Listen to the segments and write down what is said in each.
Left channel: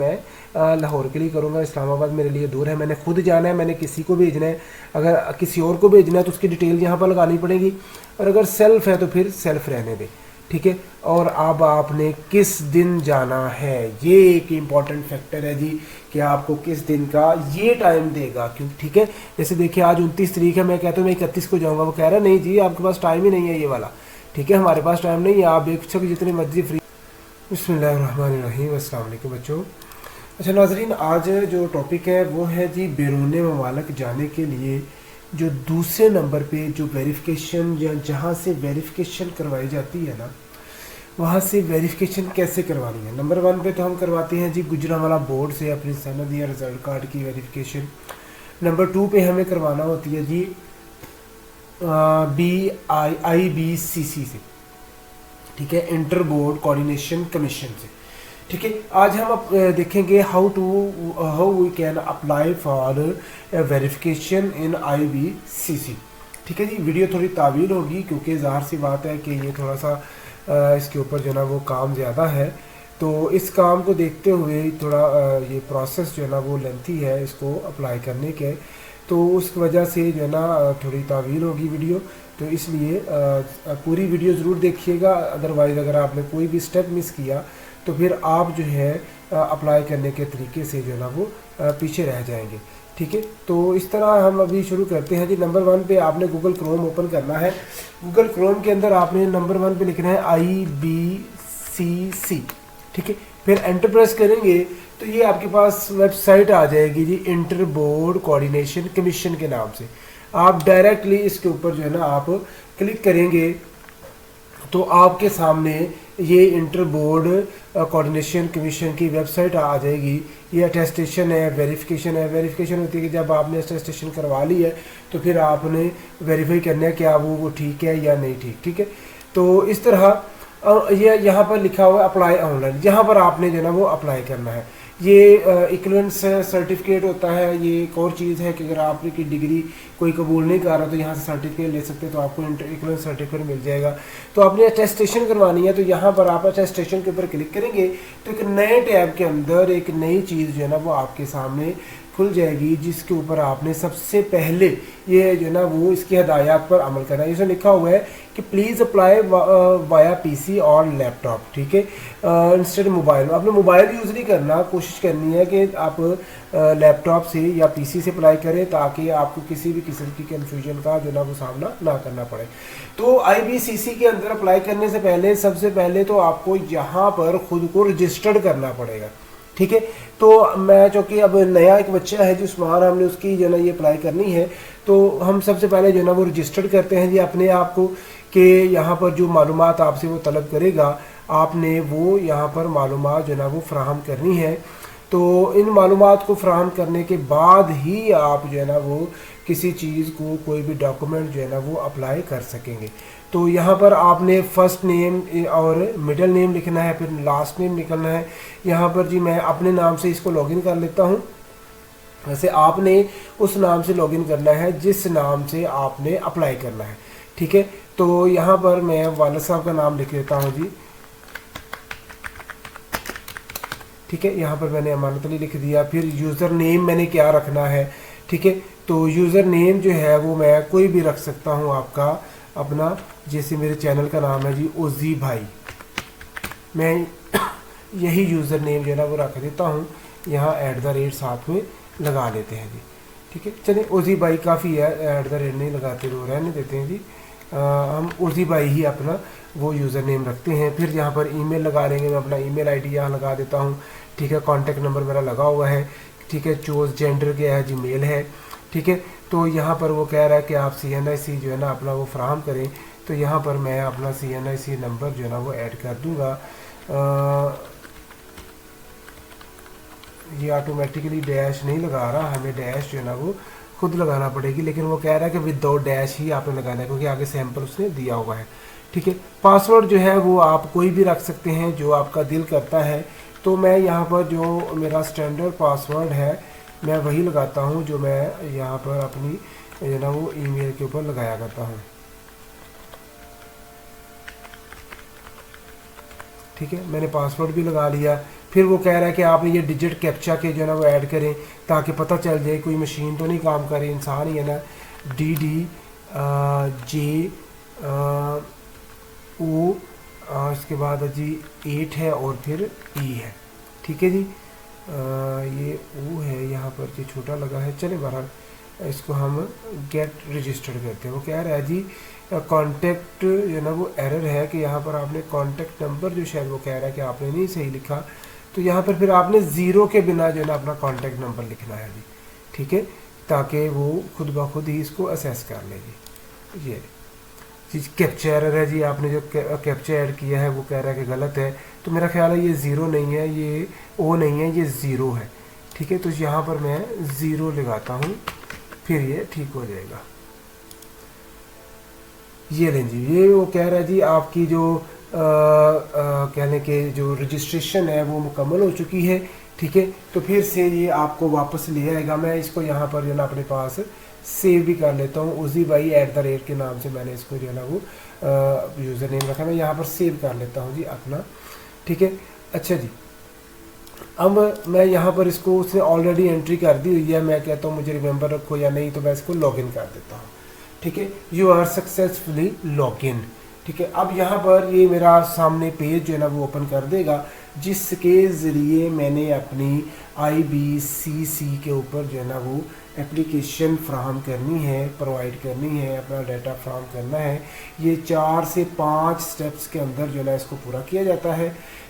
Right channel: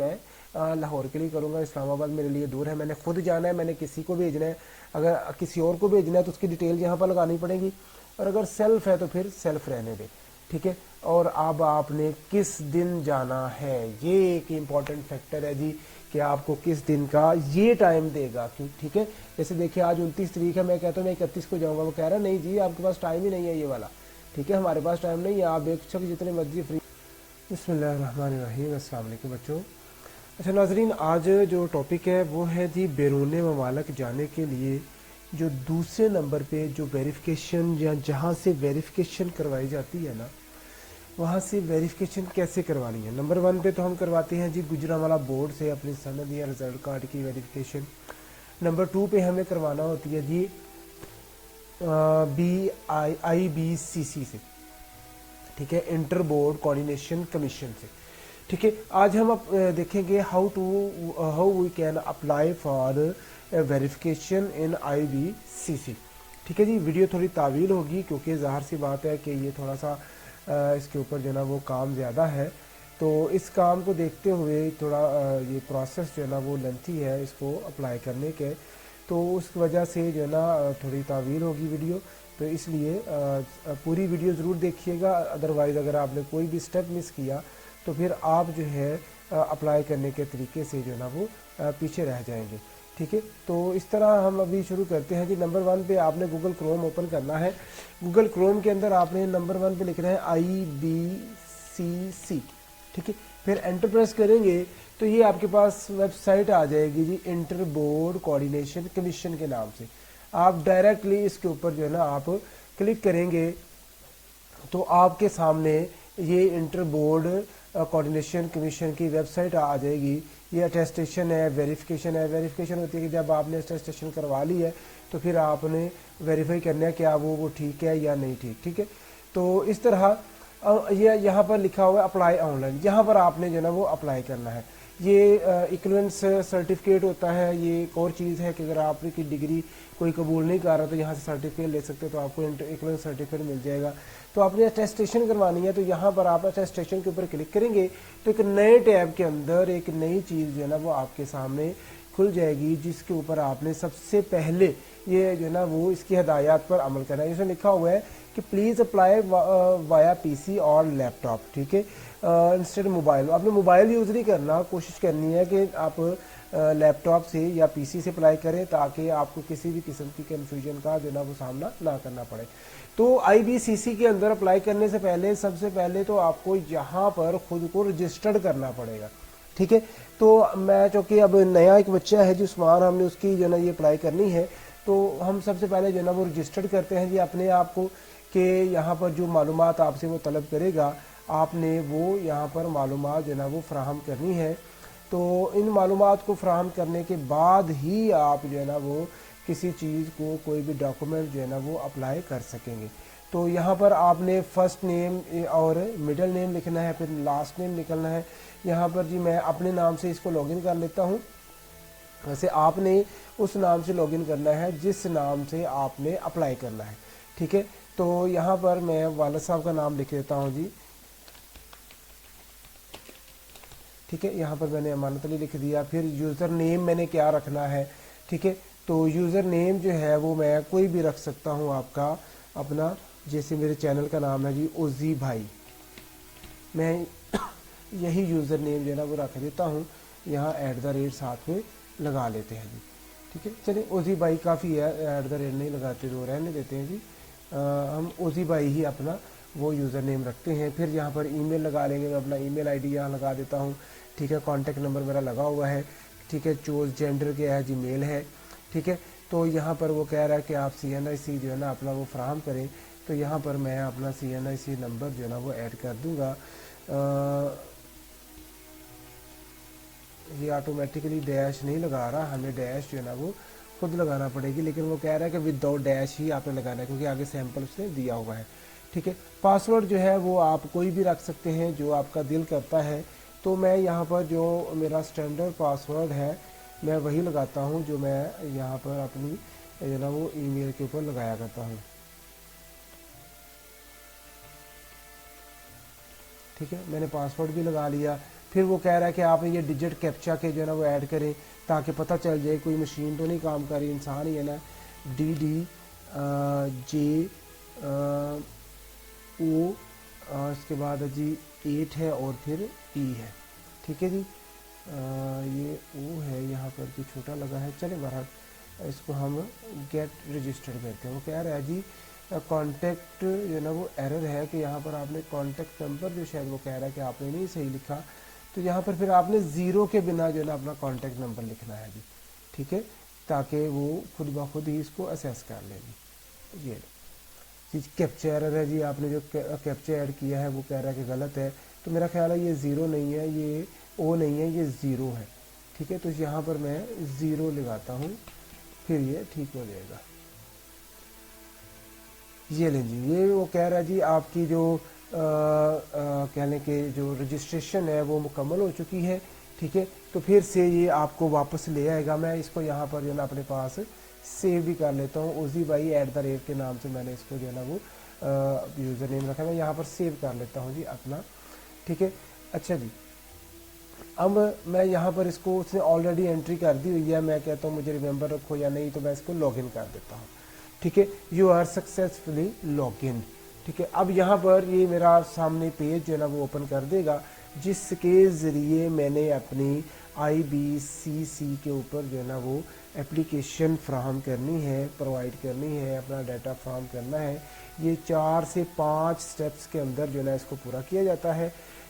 मैं लाहौर के लिए करूँगा, इस्लामाबाद मेरे लिए दूर है, मैंने खुद जाना है, मैंने किसी को भेजना है, अगर किसी और को भेजना है तो उसकी डिटेल यहाँ पर लगानी पड़ेगी, और अगर सेल्फ है तो फिर सेल्फ रहने दें, ठीक है। और अब आपने किस दिन जाना है, ये एक इम्पॉर्टेंट फैक्टर है जी, कि आपको किस दिन का ये टाइम देगा, क्यों, ठीक है। जैसे देखिए आज 29 तारीख है, मैं कहता हूँ मैं 31 को जाऊँगा, वो कह रहा है नहीं जी आपके पास टाइम ही नहीं है ये वाला, ठीक है, हमारे पास टाइम नहीं है, आप बेशक जितने मर्जी फ्री। बिस्मिल्लाहिर्रहमानिर्रहीम, अस्सलाम वालेकुम बच्चों। अच्छा नाजरीन, आज जो टॉपिक है वो है जी बैरून ममालिक जाने के लिए जो दूसरे नंबर पे जो वेरिफिकेशन या जहाँ से वेरिफिकेशन करवाई जाती है ना, वहाँ से वेरिफिकेशन कैसे करवानी है। नंबर 1 पे तो हम करवाते हैं जी गुजरांवाला बोर्ड से अपनी सनद या रिजल्ट कार्ड की वेरिफिकेशन। नंबर 2 पे हमें करवाना होती है जी IBCC से, ठीक है, इंटर बोर्ड कोऑर्डिनेशन कमीशन से, ठीक है। आज हम देखेंगे how we can apply for verification in IBCC, ठीक है जी। वीडियो थोड़ी तावील होगी क्योंकि ज़ाहिर सी बात है कि ये थोड़ा सा इसके ऊपर जो है ना वो काम ज़्यादा है, तो इस काम को देखते हुए थोड़ा ये प्रोसेस जो है ना वो लेंथी है इसको अप्लाई करने के, तो उस वजह से जो है ना थोड़ी तावील होगी वीडियो, तो इसलिए पूरी वीडियो ज़रूर देखिएगा, अदरवाइज़ अगर आपने कोई भी स्टेप मिस किया तो फिर आप जो है अप्लाई करने के तरीके से जो है ना वो पीछे रह जाएंगे, ठीक है। तो इस तरह हम अभी शुरू करते हैं जी। नंबर 1 पे आपने गूगल क्रोम ओपन करना है। गूगल क्रोम के अंदर आपने नंबर 1 पे लिखना है IBCC, ठीक है। फिर एंटर प्रेस करेंगे तो ये आपके पास वेबसाइट आ जाएगी जी, इंटर बोर्ड कोऑर्डिनेशन कमीशन के नाम से। आप डायरेक्टली इसके ऊपर जो है ना आप क्लिक करेंगे तो आपके सामने ये इंटर बोर्ड कोऑर्डिनेशन कमीशन की वेबसाइट आ जाएगी। ये अटेस्टेशन है, वेरिफिकेशन है। वेरिफिकेशन होती है कि जब आपने अटेस्टेशन करवा ली है तो फिर आपने वेरीफाई करना है कि आप वो ठीक है या नहीं ठीक, ठीक है। तो इस तरह ये यहाँ पर लिखा हुआ है अप्लाई ऑनलाइन, यहाँ पर आपने जो है ना वो अप्लाई करना है। ये इक्विवेलेंस सर्टिफिकेट होता है। ये एक और चीज़ है कि अगर आपकी डिग्री कोई कबूल नहीं कर रहा तो यहाँ से सर्टिफिकेट ले सकते हैं, तो आपको इक्विवेलेंस सर्टिफिकेट मिल जाएगा। तो आपने अटेस्टेशन करवानी है तो यहाँ पर आप अटेस्टेशन के ऊपर क्लिक करेंगे तो एक नए टैब के अंदर एक नई चीज़ जो है ना वो आपके सामने खुल जाएगी, जिसके ऊपर आपने सबसे पहले ये जो है ना वो इसकी हदायत पर अमल करना है। इसमें लिखा हुआ है कि प्लीज़ अप्लाई वाया PC और लैपटॉप, ठीक है, इंस्टेड मोबाइल। आपने मोबाइल यूज़ नहीं करना, कोशिश करनी है कि आप लैपटॉप से या PC से अप्लाई करें ताकि आपको किसी भी किस्म की कन्फ्यूजन का जो ना वो सामना ना करना पड़े। तो IBCC के अंदर अप्लाई करने से पहले सबसे पहले तो आपको यहाँ पर ख़ुद को रजिस्टर्ड करना पड़ेगा, ठीक है। तो मैं चूँकि अब नया एक बच्चा है जो उस्मान, हमने उसकी जो ना ये अप्लाई करनी है, तो हम सबसे पहले जो ना वो रजिस्टर्ड करते हैं जी अपने आप को, कि यहाँ पर जो मालूमात आपसे वो तलब करेगा आपने वो यहाँ पर मालूमात जो ना वो फ्राहम करनी है। तो इन मालूमात को फ्राहम करने के बाद ही आप जो है ना वो किसी चीज़ को, कोई भी डॉक्यूमेंट जो है ना वो अप्लाई कर सकेंगे। तो यहाँ पर आपने फ़र्स्ट नेम और मिडिल नेम लिखना है, फिर लास्ट नेम लिखना है। यहाँ पर जी मैं अपने नाम से इसको लॉगिन कर लेता हूँ। वैसे आपने उस नाम से लॉगिन करना है जिस नाम से आपने अप्लाई करना है, ठीक है। तो यहाँ पर मैं वालिद साहब का नाम लिख लेता हूँ जी, ठीक है। यहाँ पर मैंने अमानत अली लिख दिया। फिर यूज़र नेम मैंने क्या रखना है, ठीक है। तो यूज़र नेम जो है वो मैं कोई भी रख सकता हूँ आपका अपना, जैसे मेरे चैनल का नाम है जी ओजी भाई, मैं यही यूज़र नेम जो है ना वो रख देता हूँ। यहाँ @ साथ में लगा लेते हैं जी, ठीक है। चलिए ओजी भाई काफ़ी है, @ नहीं लगाते, वो रहने देते हैं जी। हम ओजी भाई ही अपना वो यूज़र नेम रखते हैं। फिर यहाँ पर ईमेल लगा लेंगे, मैं अपना ईमेल आईडी यहाँ लगा देता हूँ, ठीक है। कॉन्टैक्ट नंबर मेरा लगा हुआ है, ठीक है। चूज़ जेंडर क्या है जी, मेल है, ठीक है। तो यहाँ पर वो कह रहा है कि आप CNIC जो है ना अपना वो फ्राहम करें, तो यहाँ पर मैं अपना CNIC नंबर जो है ना वो ऐड कर दूँगा। ये ऑटोमेटिकली डैश नहीं लगा रहा, हमें डैश जो है ना वो खुद लगाना पड़ेगी, लेकिन वो कह रहा है कि विदाउट डैश ही आपने लगाना है क्योंकि आगे सैंपल उसने दिया हुआ है, ठीक है। पासवर्ड जो है वो आप कोई भी रख सकते हैं जो आपका दिल करता है। तो मैं यहाँ पर जो मेरा स्टैंडर्ड पासवर्ड है मैं वही लगाता हूँ जो मैं यहाँ पर अपनी जो ना वो ईमेल के ऊपर लगाया करता हूँ, ठीक है। मैंने पासवर्ड भी लगा लिया। फिर वो कह रहा है कि आपने ये डिजिट कैप्चा के जो है ना वो ऐड करें ताकि पता चल जाए कोई मशीन तो नहीं काम कर रही, इंसान ही है ना। DDJ ओ, इसके बाद जी 8 है और फिर E है, ठीक है जी। ये O है यहाँ पर जी, छोटा लगा है, चले बहरहाल इसको हम गेट रजिस्टर्ड करते हैं। वो कह रहा है जी कॉन्टेक्ट जो ना वो एरर है कि यहाँ पर आपने कॉन्टेक्ट नंबर जो शायद वो कह रहा है कि आपने नहीं सही लिखा, तो यहाँ पर फिर आपने ज़ीरो के बिना जो है ना अपना कॉन्टेक्ट नंबर लिखना है जी, ठीक है, ताकि वो खुद ब खुद ही इसको असेस कर ले जी। ये चीज़ कैप्चा एरर है जी, आपने जो कैप्चा ऐड किया है वो कह रहा है कि गलत है, तो मेरा ख्याल है ये ज़ीरो नहीं है, ये ओ नहीं है, ये ज़ीरो है, ठीक है। तो यहाँ पर मैं ज़ीरो लगाता हूँ, फिर ये ठीक हो जाएगा। ये लें जी, ये वो कह रहा है जी आपकी जो कहने के जो रजिस्ट्रेशन है वो मुकम्मल हो चुकी है, ठीक है। तो फिर से ये आपको वापस ले आएगा। मैं इसको यहाँ पर जो ना अपने पास सेव भी कर लेता हूँ, उजी भाई @ के नाम से मैंने इसको जो है ना वो यूज़र नेम रखा, मैं यहाँ पर सेव कर लेता हूँ जी अपना, ठीक है। अच्छा जी, अब मैं यहाँ पर इसको उसने ऑलरेडी एंट्री कर दी हुई है, मैं कहता हूँ मुझे रिमेंबर रखो या नहीं, तो मैं इसको लॉगिन कर देता हूँ, ठीक है। यू आर सक्सेसफुली लॉगिन, ठीक है। अब यहाँ पर ये मेरा सामने पेज जो है ना वो ओपन कर देगा, जिसके ज़रिए मैंने अपनी IBCC के ऊपर जो है ना वो एप्लीकेशन फ्राहम करनी है, प्रोवाइड करनी है, अपना डाटा फ्राहम करना है। ये 4 से 5 स्टेप्स के अंदर जो है ना इसको पूरा किया जाता है,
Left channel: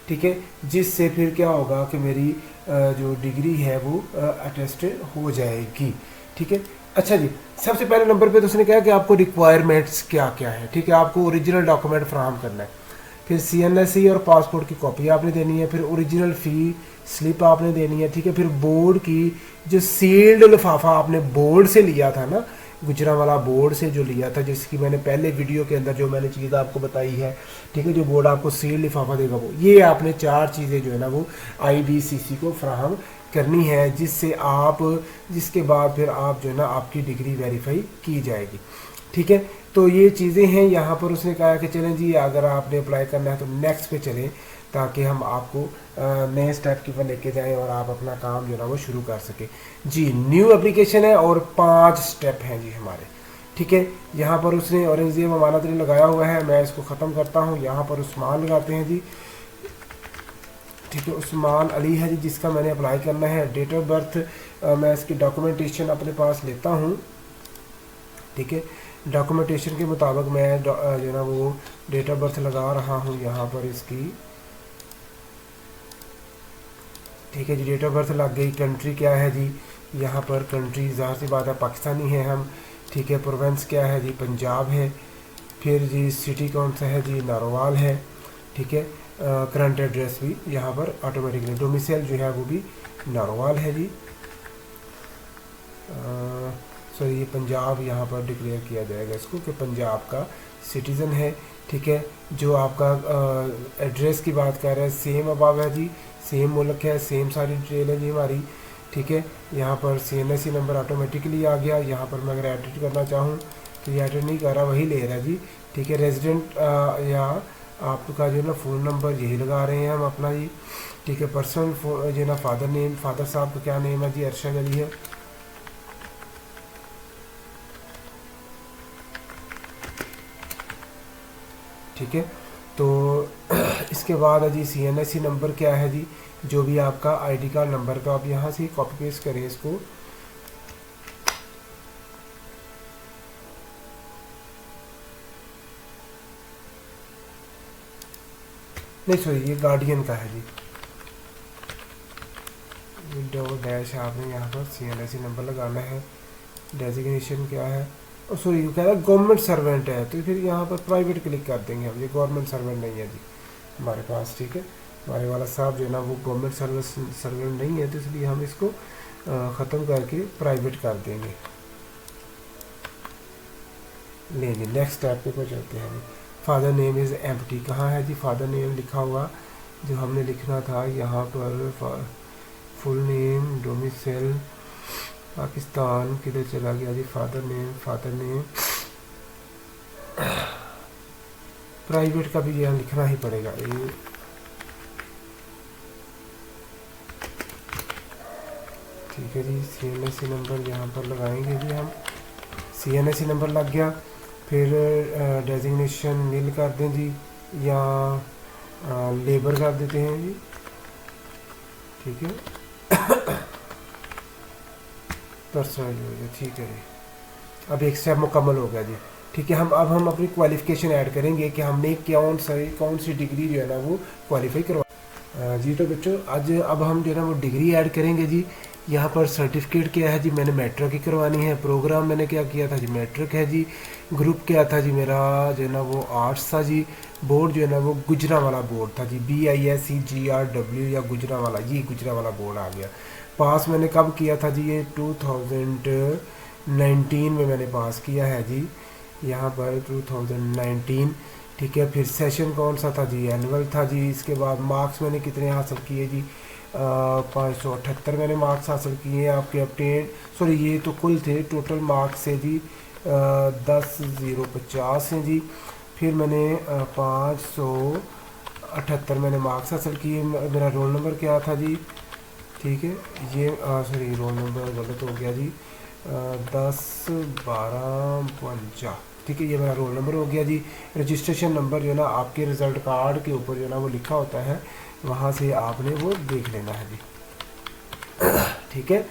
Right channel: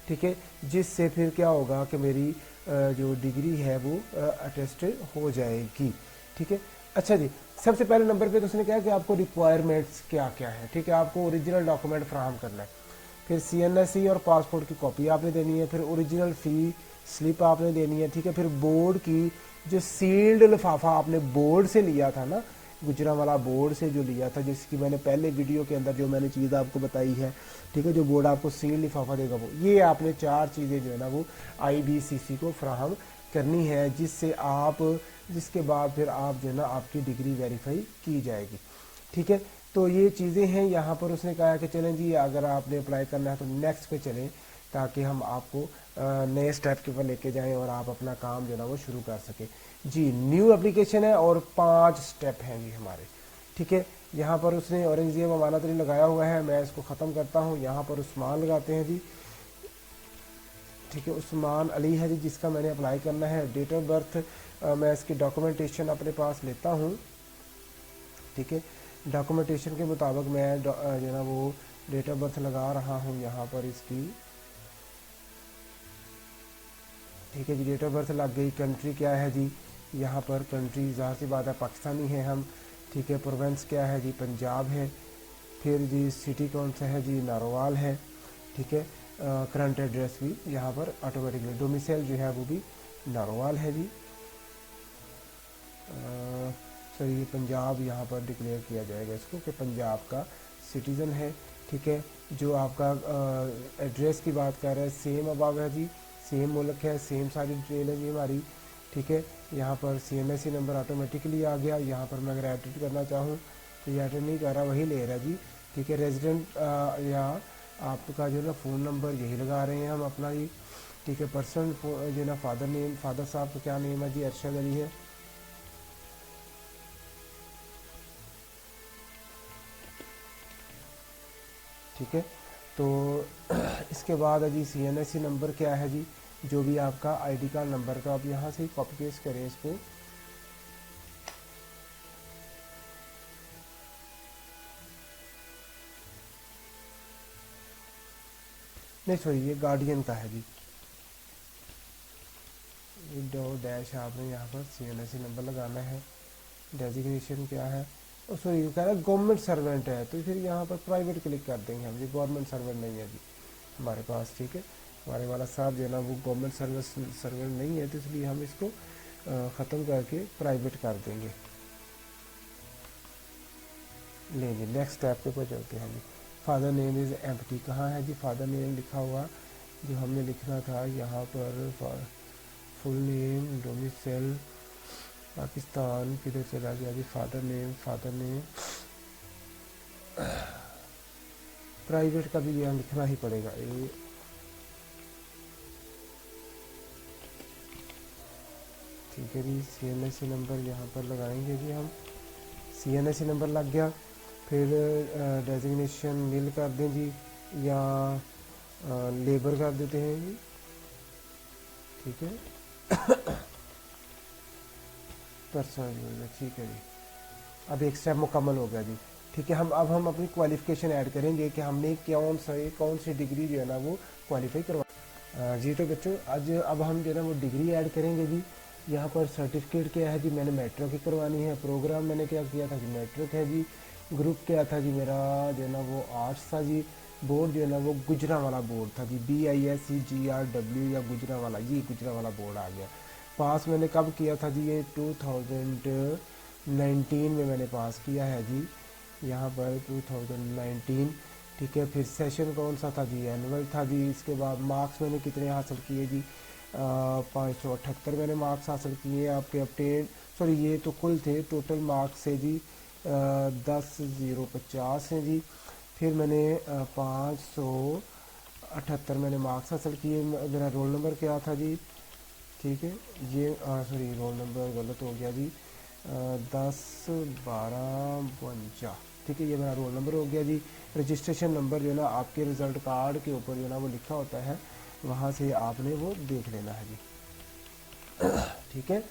ठीक है, जिससे फिर क्या होगा कि मेरी जो डिग्री है वो अटेस्टेड हो जाएगी, ठीक है। अच्छा जी, सबसे पहले नंबर पे तो उसने कहा कि आपको रिक्वायरमेंट्स क्या क्या है, ठीक है। आपको ओरिजिनल डॉक्यूमेंट फ्राहम करना है, फिर CNSE और पासपोर्ट की कॉपी आपने देनी है, फिर ओरिजिनल फ़ी स्लिप आपने देनी है, ठीक है। फिर बोर्ड की जो सील्ड लिफाफा आपने बोर्ड से लिया था ना, गुजरांवाला बोर्ड से जो लिया था, जिसकी मैंने पहले वीडियो के अंदर जो मैंने चीज़ आपको बताई है, ठीक है, जो बोर्ड आपको सील्ड लिफाफा देगा वो, ये आपने 4 चीज़ें जो है ना वो IBCC को फ्राहम करनी है, जिसके बाद फिर आप जो है ना आपकी डिग्री वेरीफाई की जाएगी, ठीक है। तो ये चीज़ें हैं। यहाँ पर उसने कहा कि चलें जी, अगर आपने अप्लाई करना है तो नेक्स्ट पे चलें, ताकि हम आपको नए स्टेप की पर लेके जाएं और आप अपना काम जो है ना वो शुरू कर सकें जी। न्यू एप्लीकेशन है और 5 स्टेप हैं जी हमारे, ठीक है। यहाँ पर उसने औरंगजेब अमानत अली लगाया हुआ है, मैं इसको ख़त्म करता हूँ। यहाँ पर उस्मान लगाते हैं जी, ठीक है, उस्मान अली है जी जिसका मैंने अप्लाई करना है। डेट ऑफ बर्थ मैं इसकी डॉक्यूमेंटेशन अपने पास लेता हूँ, ठीक है। डॉक्यूमेंटेशन के मुताबिक मैं जो है ना वो डेट ऑफ बर्थ लगा रहा हूँ यहाँ पर इसकी, ठीक है जी। डेट ऑफ बर्थ लग गई। कंट्री क्या है जी, यहाँ पर कंट्री ज़ाहिर सी बात है पाकिस्तानी है हम, ठीक है। प्रोविंस क्या है जी, पंजाब है। फिर जी सिटी कौन सा है जी, नारोवाल है, ठीक है। करंट एड्रेस भी यहाँ पर ऑटोमेटिकली, डोमिसाइल जो है वो भी नारोवाल है जी। सो ये पंजाब यहाँ पर डिक्लेयर किया जाएगा इसको कि पंजाब का सिटीज़न है, ठीक है। जो आपका एड्रेस की बात कर रहे हैं, सेम अबाव है जी, सेम मुल्क है, सेम सारी डिटेल है जी हमारी, ठीक है। यहाँ पर CNSE नंबर ऑटोमेटिकली आ गया। यहाँ पर मैं अगर एडिट करना चाहूँ तो ये एडिट नहीं कर रहा, वही ले रहा है जी, ठीक है। रेजिडेंट या आपका जो है ना फ़ोन नंबर यही लगा रहे हैं हम अपना जी, ठीक है। पर्सनल जो है ना फादर नेम, फादर साहब का क्या नेम है जी, अरशद अली है, ठीक है। तो इसके बाद है जी CNSE नंबर क्या है जी, जो भी आपका ID कार्ड नंबर, तो आप यहाँ से कॉपी पेस्ट करें इसको, नहीं सॉरी ये गार्डियन का है जी, विंडो डैश आपने यहाँ पर CNSE नंबर लगाना है। डेजिग्नेशन क्या है, और सॉरी कह रहा है गवर्नमेंट सर्वेंट है, तो फिर यहाँ पर प्राइवेट क्लिक कर देंगे हम, ये गवर्नमेंट सर्वेंट नहीं है जी हमारे पास, ठीक है। हमारे वाला साहब जो है ना वो गवर्नमेंट सर्वेंट नहीं है, तो इसलिए हम इसको ख़त्म करके प्राइवेट कर देंगे। लेंगे नेक्स्ट स्टेप पे चलते हैं जी। फादर नेम इज़ एम्प्टी, कहाँ है जी फादर नेम लिखा हुआ जो हमने लिखना था यहाँ पर, फुल नेम, डोमिसाइल पाकिस्तान, किधर चला गया जी फादर नेम प्राइवेट का भी यहाँ लिखना ही पड़ेगा। ये ठीक है जी। CNSE नंबर यहाँ पर लगाएंगे जी हम। CNSE नंबर लग गया। फिर डेजिग्नेशन नील कर दें जी, या लेबर कर देते हैं जी। ठीक है, पर्सनल हो गया। ठीक है जी, अब एक स्टेप मुकम्मल हो गया जी। ठीक है, हम अपनी क्वालिफ़िकेशन ऐड करेंगे कि हमने कौन सी डिग्री जो है ना वो क्वालिफाई करवा जी। तो बच्चों आज अब हम जो है ना वो डिग्री ऐड करेंगे जी। यहाँ पर सर्टिफिकेट क्या है जी, मैंने मैट्रिक की करवानी है। प्रोग्राम मैंने क्या किया था जी, मैट्रिक है जी। ग्रुप क्या था जी मेरा जो है ना वो आर्ट्स था जी। बोर्ड जो है ना वो गुजरांवाला बोर्ड था जी, BISEGRW या गुजरांवाला, ये गुजरांवाला बोर्ड आ गया। पास मैंने कब किया था जी, ये 2019 में मैंने पास किया है जी, यहाँ पर 2019। ठीक है, फिर सेशन कौन सा था जी, एनुअल था जी। इसके बाद मार्क्स मैंने कितने हासिल किए जी, 578 मैंने मार्क्स हासिल किए आपके अपटेन, सॉरी ये तो कुल थे, टोटल मार्क्स है जी 10,050 हैं जी। फिर मैंने 578 मैंने मार्क्स हासिल किए। मेरा रोल नंबर क्या था जी, ठीक है, ये सॉरी रोल नंबर गलत हो गया जी, 10 12 52। ठीक है, ये मेरा रोल नंबर हो गया जी। रजिस्ट्रेशन नंबर जो है ना आपके रिज़ल्ट कार्ड के ऊपर जो है ना वो लिखा होता है, वहाँ से आपने वो देख लेना है जी। ठीक है,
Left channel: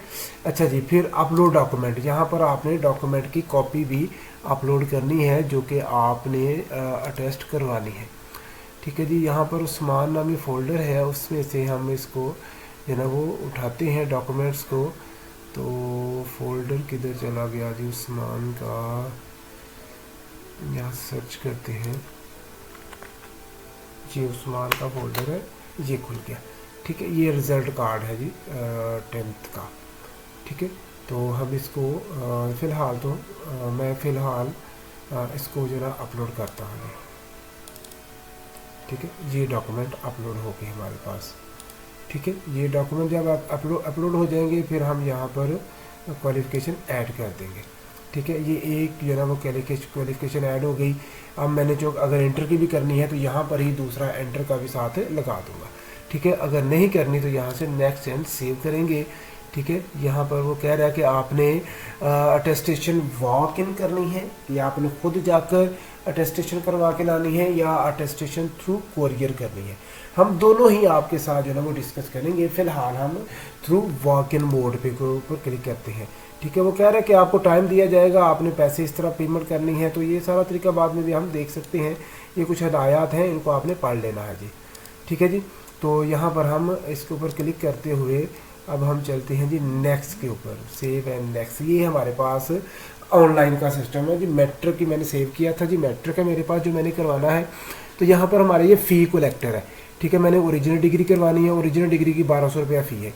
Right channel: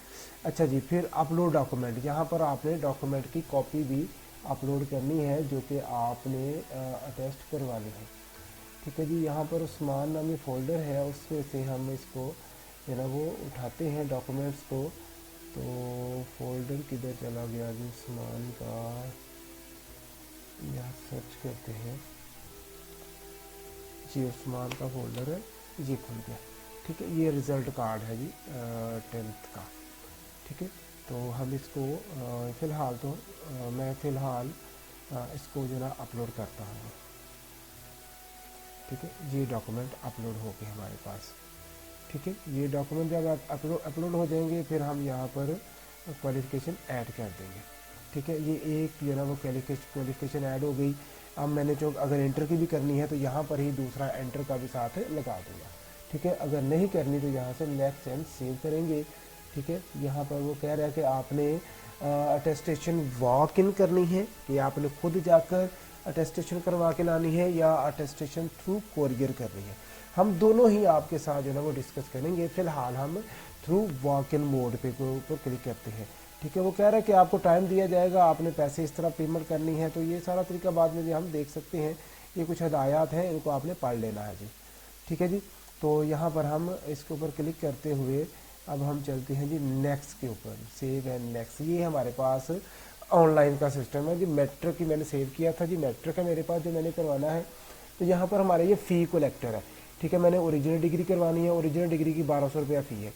अच्छा जी। फिर अपलोड डॉक्यूमेंट, यहाँ पर आपने डॉक्यूमेंट की कॉपी भी अपलोड करनी है जो कि आपने अटेस्ट करवानी है। ठीक है जी, यहाँ पर उस्मान नामी फ़ोल्डर है, उसमें से हम इसको जो है ना वो उठाते हैं डॉक्यूमेंट्स को। तो फोल्डर किधर चला गया जी उस्मान का, यहाँ सर्च करते हैं, ये उस्मान का फोल्डर है, ये खुल गया। ठीक है, ये रिज़ल्ट कार्ड है जी 10th का। ठीक है, तो हम इसको फ़िलहाल तो मैं फ़िलहाल इसको ज़रा अपलोड करता हूँ। ठीक है, ये डॉक्यूमेंट अपलोड हो गए हमारे पास। ठीक है, ये डॉक्यूमेंट जब आप अपलोड हो जाएंगे फिर हम यहाँ पर क्वालिफ़िकेशन ऐड कर देंगे। ठीक है, ये एक जो है ना वो क्वालिफ़िकेशन ऐड हो गई। अब मैंने जो अगर एंटर की भी करनी है तो यहाँ पर ही दूसरा एंटर का भी साथ लगा दूँगा। ठीक है, अगर नहीं करनी तो यहाँ से नेक्स्ट एंड सेव करेंगे। ठीक है, यहाँ पर वो कह रहा है कि आपने अटेस्टेशन वॉक इन करनी है या आपने खुद जाकर अटेस्टेशन करवा के लानी है या अटेस्टेशन थ्रू कोरियर करनी है। हम दोनों ही आपके साथ जो है ना वो डिस्कस करेंगे। फ़िलहाल हम थ्रू वॉक इन मोड पे को ऊपर क्लिक करते हैं। ठीक है, वो कह रहा है कि आपको टाइम दिया जाएगा, आपने पैसे इस तरह पेमेंट करनी है, तो ये सारा तरीका बाद में भी हम देख सकते हैं। ये कुछ हदायत हैं, इनको आपने पढ़ लेना है जी। ठीक है जी, तो यहाँ पर हम इसके ऊपर क्लिक करते हुए अब हम चलते हैं जी नेक्स्ट के ऊपर, सेव एंड नेक्स्ट। ये हमारे पास ऑनलाइन का सिस्टम है जी। मैट्रिक की मैंने सेव किया था जी, मैट्रिक है मेरे पास जो मैंने करवाना है। तो यहाँ पर हमारे ये फ़ी कलेक्टर है। ठीक है, मैंने ओरिजिनल डिग्री करवानी है, ओरिजिनल डिग्री की 1200 रुपया फ़ी है।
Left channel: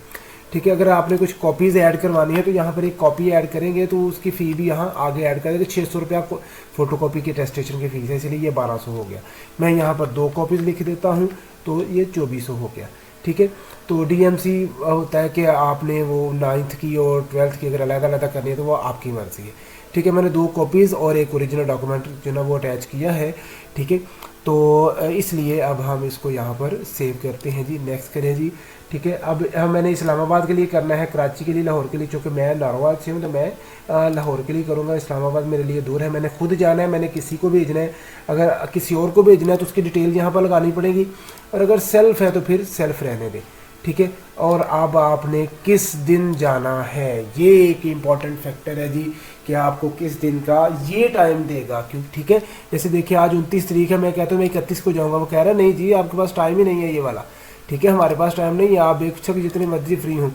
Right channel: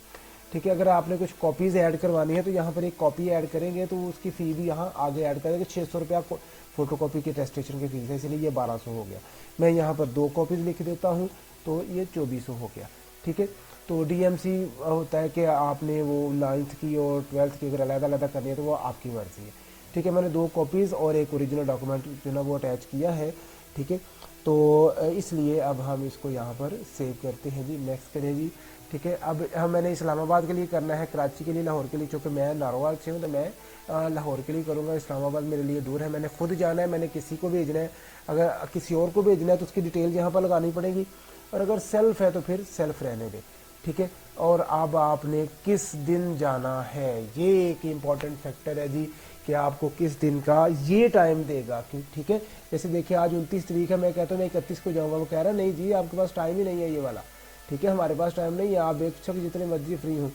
ठीक है, अगर आपने कुछ कॉपीज़ ऐड करवानी है तो यहाँ पर एक कॉपी ऐड करेंगे तो उसकी फ़ी भी यहाँ आगे ऐड कर देंगे। 600 रुपया आपको फ़ोटो कॉपी की अटेस्टेशन की फ़ीस है, इसलिए ये 1200 हो गया। मैं यहाँ पर 2 कॉपीज़ लिख देता हूँ तो ये 2400 हो गया। ठीक है, तो DMC होता है कि आपने वो 9th की और 12th की अगर अलग अलग करनी है तो वो आपकी मर्ज़ी है। ठीक है, मैंने 2 कॉपीज़ और एक ओरिजिनल डॉक्यूमेंट जो ना वो अटैच किया है। ठीक है, तो इसलिए अब हम इसको यहाँ पर सेव करते हैं जी, नेक्स्ट करें जी। ठीक है, अब मैंने इस्लामाबाद के लिए करना है, कराची के लिए, लाहौर के लिए, चूँकि मैं नारोवाल से हूँ तो मैं लाहौर के लिए करूँगा। इस्लामाबाद मेरे लिए दूर है, मैंने खुद जाना है, मैंने किसी को भेजना है। अगर किसी और को भेजना है तो उसकी डिटेल यहाँ पर लगानी पड़ेगी, और अगर सेल्फ है तो फिर सेल्फ रहने दें। ठीक है, और अब आपने किस दिन जाना है, ये एक इम्पॉर्टेंट फैक्टर है जी कि आपको किस दिन का ये टाइम देगा। क्यों, ठीक है, जैसे देखिए आज 29 तारीख है, मैं कहता हूँ मैं 31 को जाऊँगा, वो कह रहा है नहीं जी आपके पास टाइम ही नहीं है ये वाला। ठीक है, हमारे पास टाइम नहीं है, आप बेशक जितने मर्जी फ्री हूँ।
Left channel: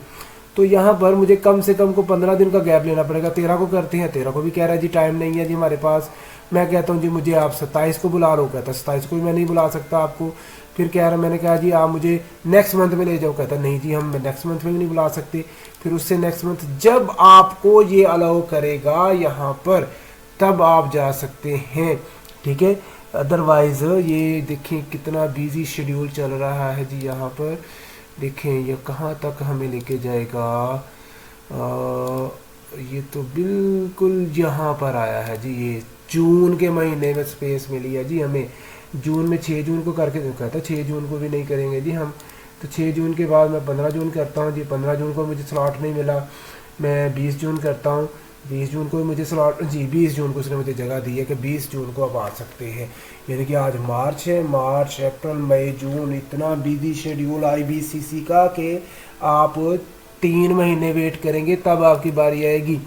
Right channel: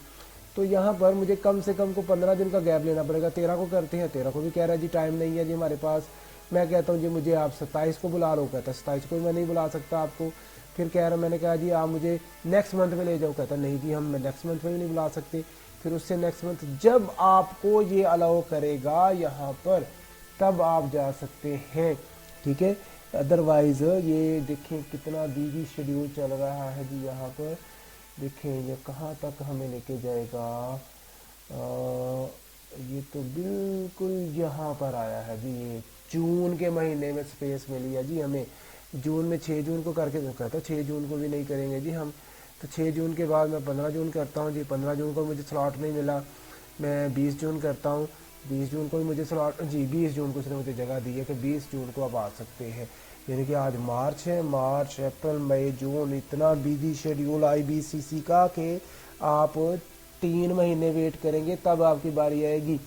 तो यहाँ पर मुझे कम से कम को 15 दिन का गैप लेना पड़ेगा। 13 को करते हैं, 13 को भी कह रहा है जी टाइम नहीं है जी हमारे पास। मैं कहता हूँ जी मुझे आप 27 को बुला रहा हूँ, कहता 27 को भी मैं नहीं बुला सकता आपको। फिर कह रहा, मैंने कहा जी आप मुझे नेक्स्ट मंथ में ले जाओ, कहता नहीं जी हम नेक्स्ट मंथ में भी नहीं बुला सकते। फिर उससे नेक्स्ट मंथ जब आपको ये अलाउ करेगा यहाँ पर तब आप जा सकते हैं। ठीक है, अदरवाइज़ ये देखें कितना बिजी शेड्यूल चल रहा है जी। यहाँ पर देखें ये कहाँ तक हमें लेके जाएगा। ये तो बिल्कुल यहाँ पर आया है जी, ये जून के महीने में स्पेस मिली है जी हमें। जून में 6 जून को करके कहता 6 जून को भी नहीं करेंगे जी हम, तो 6 जून के बाद मैं 15 जून करता हूँ जी। 15 जून को मुझे स्लॉट नहीं मिला, मैं 20 जून करता हूँ। 20 जून को मुझे स्लॉट जी, 20 जून को उसने मुझे जगह दी है कि 20 जून को आप आ सकते हैं। यानी कि आज मार्च है, मार्च अप्रैल मई जून, इतना बिजी शेड्यूल IBCC का कि आप 3 महीने वेट करेंगे तब आपकी बारी आएगी।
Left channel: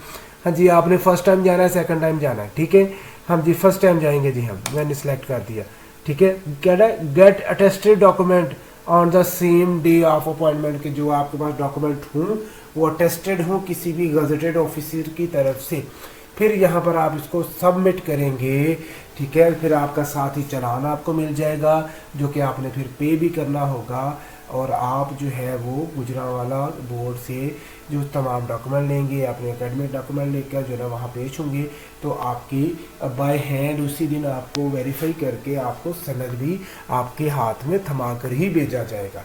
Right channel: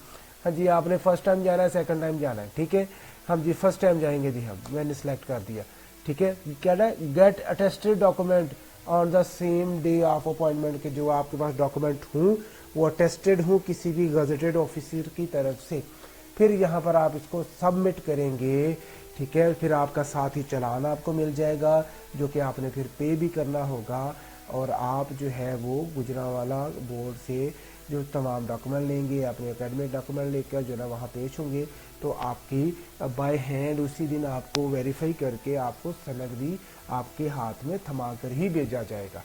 हाँ जी, आपने फर्स्ट टाइम जाना है, सेकंड टाइम जाना है, ठीक है। हम जी फर्स्ट टाइम जाएंगे जी, हम मैंने सेलेक्ट कर दिया, ठीक है। क्या है, get attested document on the same day of appointment, के जो आपके पास डॉक्यूमेंट हों वो अटेस्टेड हों किसी भी गजेटेड ऑफिसर की तरफ से। फिर यहाँ पर आप इसको सबमिट करेंगे, ठीक है। फिर आपका साथ ही चालान आपको मिल जाएगा जो कि आपने फिर पे भी करना होगा, और आप जो है वो गुजरांवाला बोर्ड से जो तमाम डॉक्यूमेंट लेंगे, अपने एकेडमिक डॉक्यूमेंट लेकर जो है वहाँ पेश होंगे, तो आपकी बाय हैंड उसी दिन आपको वेरीफाई करके आपको सनद भी आपके हाथ में थमा कर ही भेजा जाएगा,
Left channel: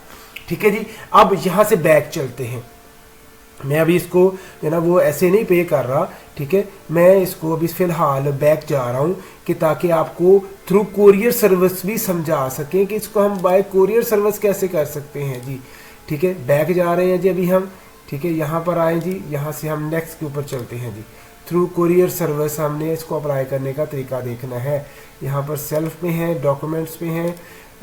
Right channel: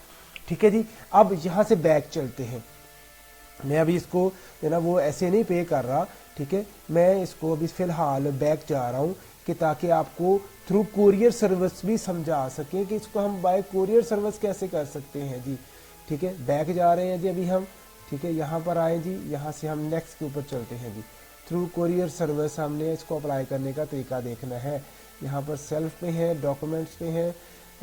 ठीक है जी। अब यहाँ से बैक चलते हैं। मैं अभी इसको जो ना वो ऐसे नहीं पे कर रहा, ठीक है। मैं इसको अभी फ़िलहाल बैक जा रहा हूँ कि ताकि आपको थ्रू कोरियर सर्विस भी समझा सकें कि इसको हम बाय कोरियर सर्विस कैसे कर सकते हैं जी, ठीक है। बैक जा रहे हैं जी अभी हम, ठीक है। यहाँ पर आए जी, यहाँ से हम नेक्स्ट के ऊपर चलते हैं जी। थ्रू कोरियर सर्विस हमने इसको अप्लाई करने का तरीका देखना है। यहाँ पर सेल्फ में है, डॉक्यूमेंट्स पे हैं,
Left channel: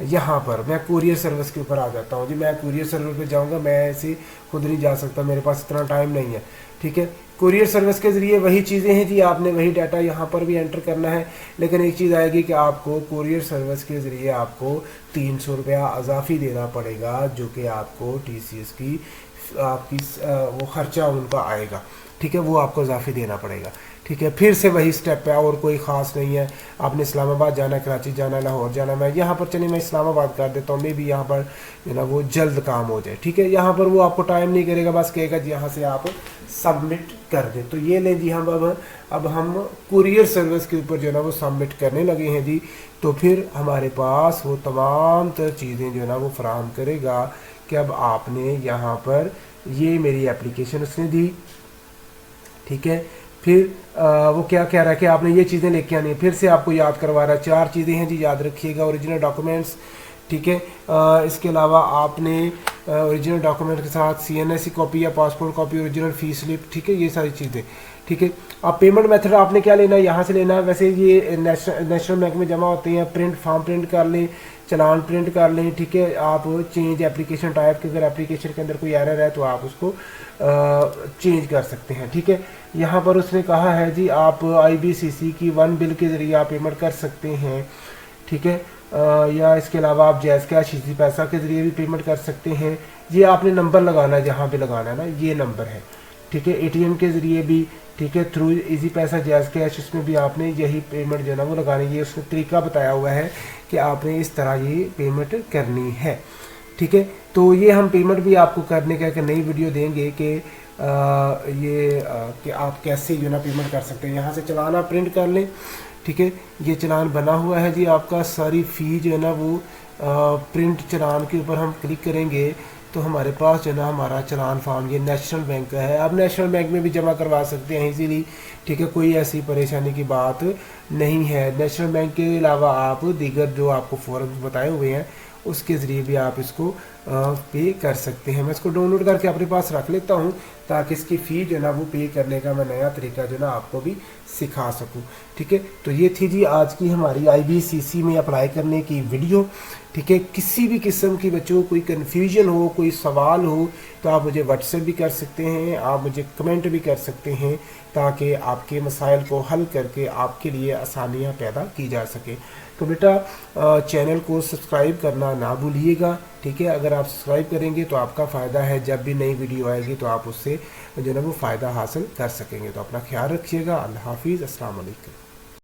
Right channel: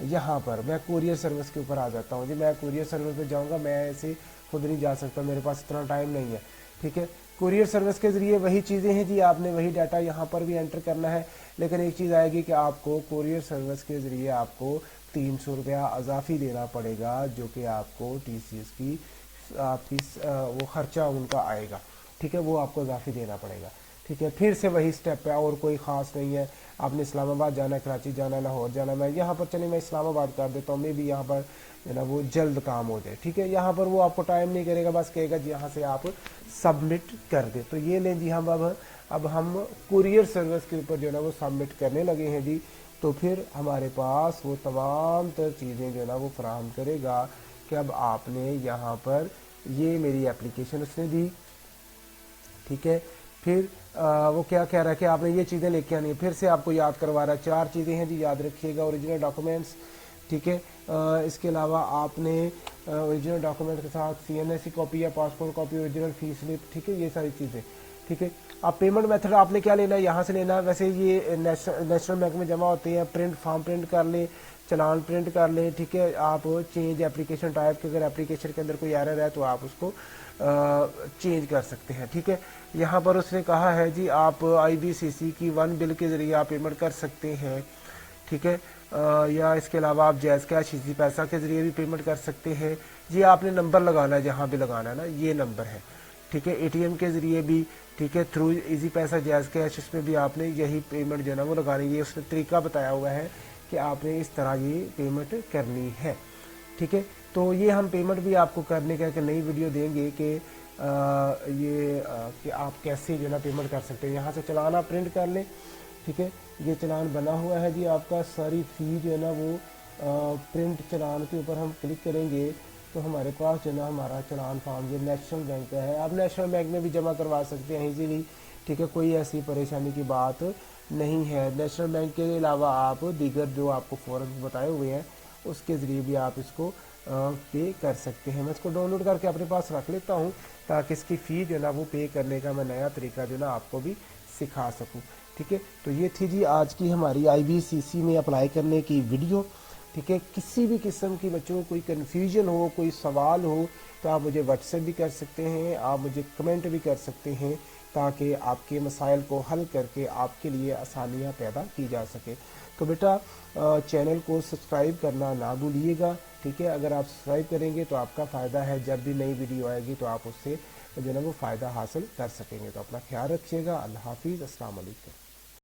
यहाँ पर मैं कुरियर सर्विस के ऊपर आ जाता हूँ जी। मैं कुरियर सर्विस पे जाऊँगा, मैं ऐसे खुद नहीं जा सकता, मेरे पास इतना टाइम नहीं है, ठीक है। कुरियर सर्विस के ज़रिए वही चीज़ें हैं जी, आपने वही डाटा यहाँ पर भी एंटर करना है, लेकिन एक चीज़ आएगी कि आपको कुरियर सर्विस के ज़रिए आपको 300 रुपया अजाफी देना पड़ेगा, जो कि आपको TCS की आपकी वो ख़र्चा उनका आएगा, ठीक है, वो आपको इजाफी देना पड़ेगा, ठीक है। फिर से वही स्टेप है और कोई ख़ास नहीं है। आपने इस्लामाबाद जाना, कराची जाना, लाहौर जाना, मैं यहाँ पर चलिए मैं इस्लामाबाद कर देता हूँ, मे भी यहाँ पर जो ना वो जल्द काम हो जाए, ठीक है। यहाँ पर वो आपको टाइम नहीं करेगा, बस कहेगा जी यहाँ से आप सबमिट कर दें। तो ये लें जी, हम अब हम कुरियर सर्विस के ऊपर जो है ना वो सबमिट करने लगे हैं जी। तो फिर हमारे पास वो तमाम तर चीज़ें जो है ना वो फराहम करेगा कि अब आपने यहाँ पर ये मेरी एप्लीकेशन उसने दी, ठीक है। फिर वो क्या कह रहा है कि आपने ये चीज़ें लेके आनी है, फिर से आपको याद करवा रहा है। 4 चीज़ें हैं जी, याद रखिएगा। ओरिजिनल डॉक्यूमेंट्स, ठीक है। इसके अलावा आपने ओरिजिनल डॉक्यूमेंट के साथ CNSE कॉपी या passport copy, original fees slip, ठीक है, ये सारी चीज़ें, ठीक है। अब पेमेंट मेथड आपने क्या लेना है, यहाँ से लेना है। वैसे ये नेशनल बैंक में जमा होते हैं, प्रिंट फॉर्म प्रिंट कर लें, चलान प्रिंट कर लें, ठीक है। आप चेंज एप्लीकेशन टाइप के, अगर एप्लीकेशन के अंदर कोई एरर है तो आप उसको चेंज कर सकते हैं, ठीक है। यहाँ पर उसने कहा है जी आप IBCC की 1 बिल के ज़रिए आप पेमेंट कर सकते हैं, ठीक है। या इसके अलावा आप जैज़ कैश इजी पैसा के ज़रिए भी पेमेंट कर सकते हैं। ये आपने नंबर लगाना है, जहाँ पे लगाना है ना, ये नंबर है, ठीक है। ATM के ज़रिए भी, ठीक है, थ्रू इजी पैसा, जैज़ कैश, इसमें भी आपने यही पेमेंट जो है ना वो लगानी है। ये उसने तरीका बताया हुआ है कि आपने इस तरह ये पेमेंट करनी है, ठीक है। तो ये हम पेमेंट भी आपको करने का एक नई वीडियो देंगे कि कि आप कैसे जो ना पेमेंट कर सकते हैं। यहाँ से चलान आप प्रिंट कर लें, ठीक है। ये चलान बना हुआ है जी आपका। सारी फ़ी जो है ना वो प्रिंट चलान के ऊपर हम क्लिक करेंगे तो हमारे पास जो है ना हमारा चलान फॉर्म ये नेशनल बैंक का है। आप नेशनल बैंक में भी जमा करवा सकते हैं इजीली, ठीक है, कोई ऐसी परेशानी की बात नहीं है। नेशनल बैंक के अलावा आप दीगर जो आपको फॉर्म बताए हुए हैं उसके ज़रिए भी आप इसको पे कर सकते हैं। मैं इसको डाउनलोड करके अपने पास रख लेता हूँ ताकि इसकी फ़ी जो ना वो पे करने का मैं नया तरीका जो ना आपको भी सिखा सकूँ, ठीक है। तो ये थी जी आज की हमारी IBCC में अप्लाई करने की वीडियो, ठीक है। किसी भी किस्म की बच्चों को कोई कन्फ्यूजन हो, कोई सवाल हो तो आप मुझे व्हाट्सएप भी कर सकते हैं, आप मुझे कमेंट भी कर सकते हैं, ताकि आपके मसाइल को हल करके आपके लिए आसानियाँ पैदा की जा सके। तो बेटा चैनल को सब्सक्राइब करना ना भूलिएगा, ठीक है। अगर आप सब्सक्राइब करेंगे तो आपका फ़ायदा है, जब भी नई वीडियो आएगी तो आप उससे जो है वो फ़ायदा हासिल कर सकेंगे। तो अपना ख्याल रखिएगा। अल्लाह हाफिज़, अस्सलाम वालेकुम।